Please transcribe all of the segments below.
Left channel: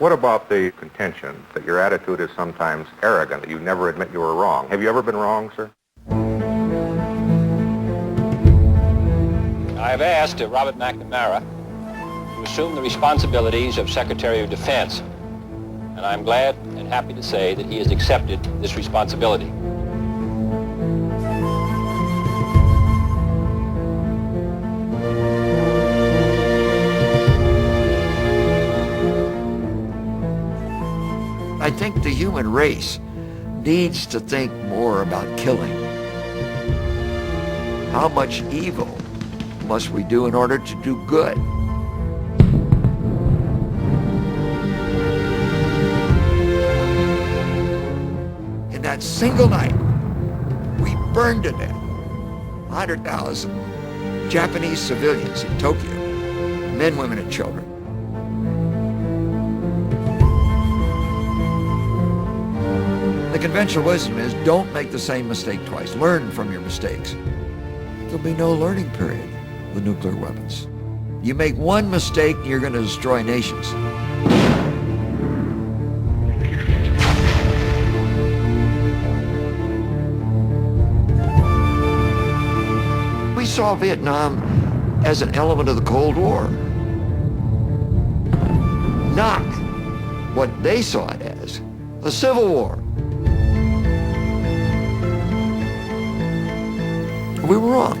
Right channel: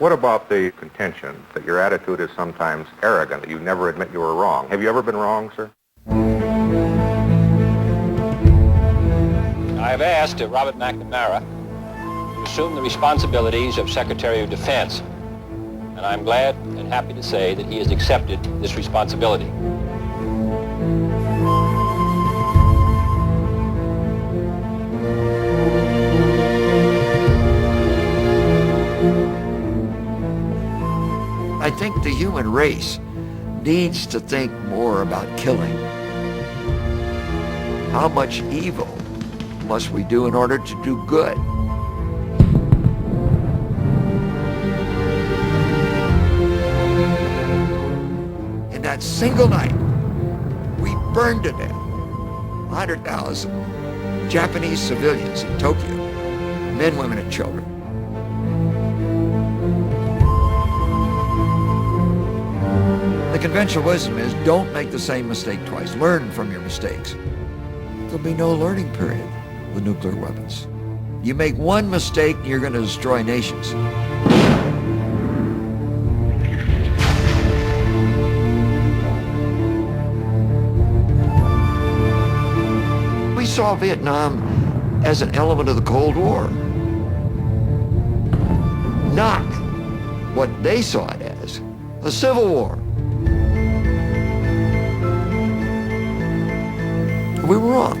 What about the contention that your attitude is sometimes arrogant, that you never admit you were wrong? Have you ever been wrong, sir? I have asked Robert McNamara to assume the responsibilities of Secretary of Defense, and I'm glad and happy to say that he has accepted this responsibility. I think the human race needs to think more about killing. How much evil must we do in order to do good? In that single night, we burned to death 100,000 Japanese civilians in Tokyo, men, women, and children. The conventional wisdom is don't make the same mistake twice. Learn from your mistakes. There'll be no learning period with nuclear weapons. You make one mistake, you're going to destroy nations. We saw Vietnam as an element of the Cold War, not what they saw it as, a civil war. We were wrong.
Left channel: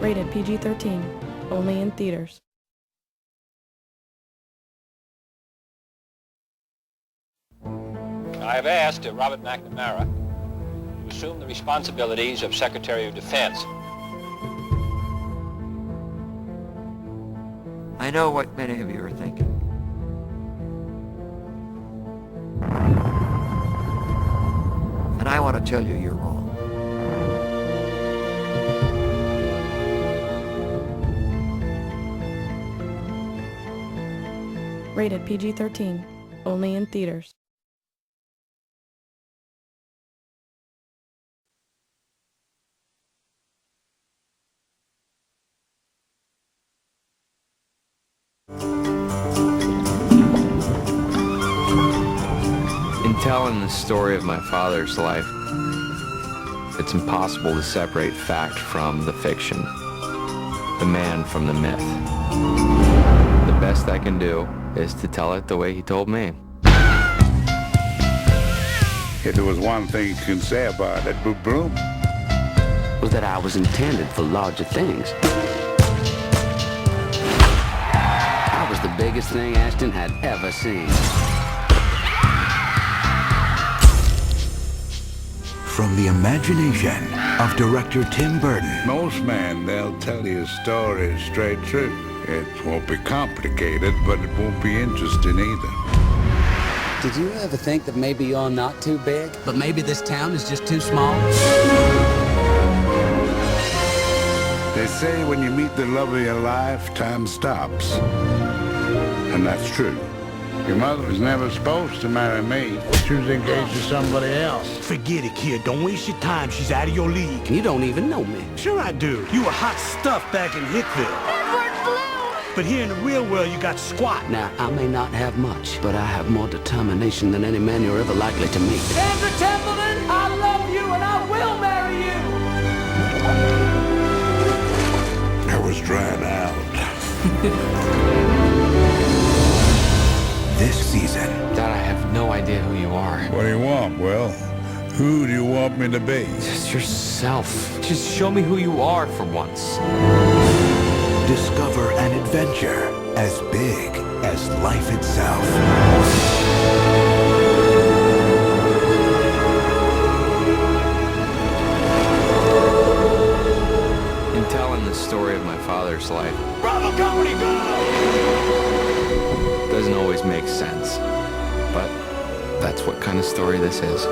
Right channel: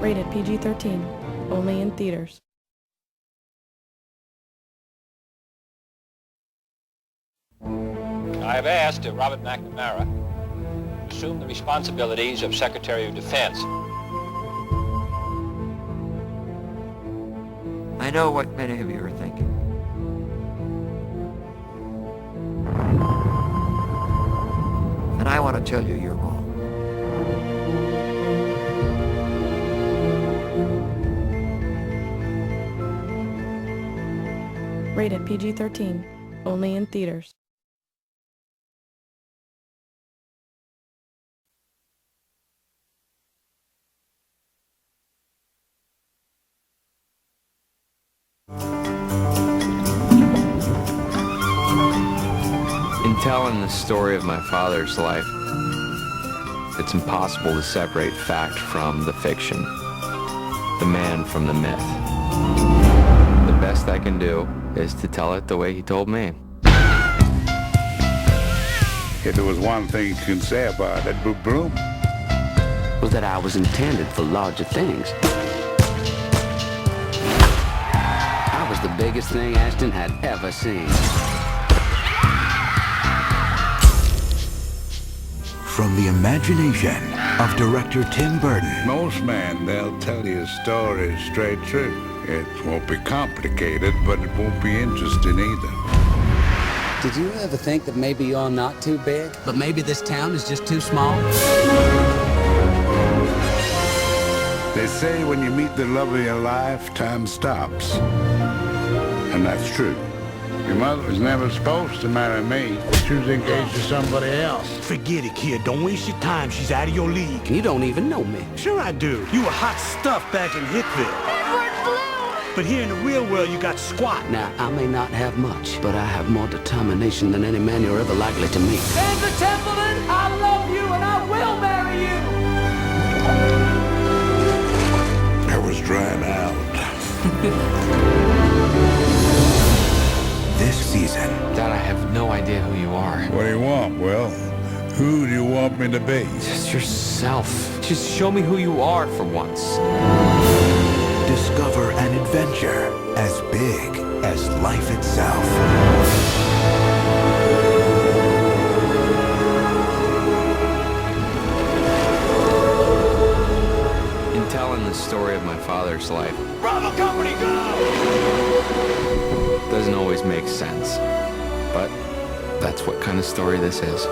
Rated PG-13, only in theaters. I have asked Robert McNamara to assume the responsibilities of Secretary of Defense. I know what many of you are thinking. And I want to tell you you're wrong. Rated PG-13, only in theaters. In telling the story of my father's life, it's impossible to separate fact from the fiction, the man from the myth. The best I can do is to tell it the way he told me. If there was one thing you can say about that broom, was that I was intended for larger things. I was the biggest thing Ashton had ever seen. From the imagination of director Tim Burton. most men, they'll tell you a story straight through. It won't be complicated, but it won't be interesting either. Did you ever think that maybe you're not too big? But maybe this town is just too small? They say when you meet the love of your life, time stops. And that's true. Your mother was never supposed to marry me. She was engaged to somebody else. Forget it, kid. Don't waste your time. She's out of your league. You don't even know me. Sure I do. You were hot stuff back in Hickville. But here in the real world, you got squat. Now, I may not have much, but I have more determination than any man you're ever likely to meet. Sandra Templeton, I love you and I will marry you! I was drying out. This season, Dad, I have no idea who you are. What do you want, Will? Who do you want me to be? Just yourself. Just show me who you are for once. Discover an adventure as big as life itself. In telling the story of my father's life, Bravo Company, go! doesn't always make sense. But that's what kind of story this is.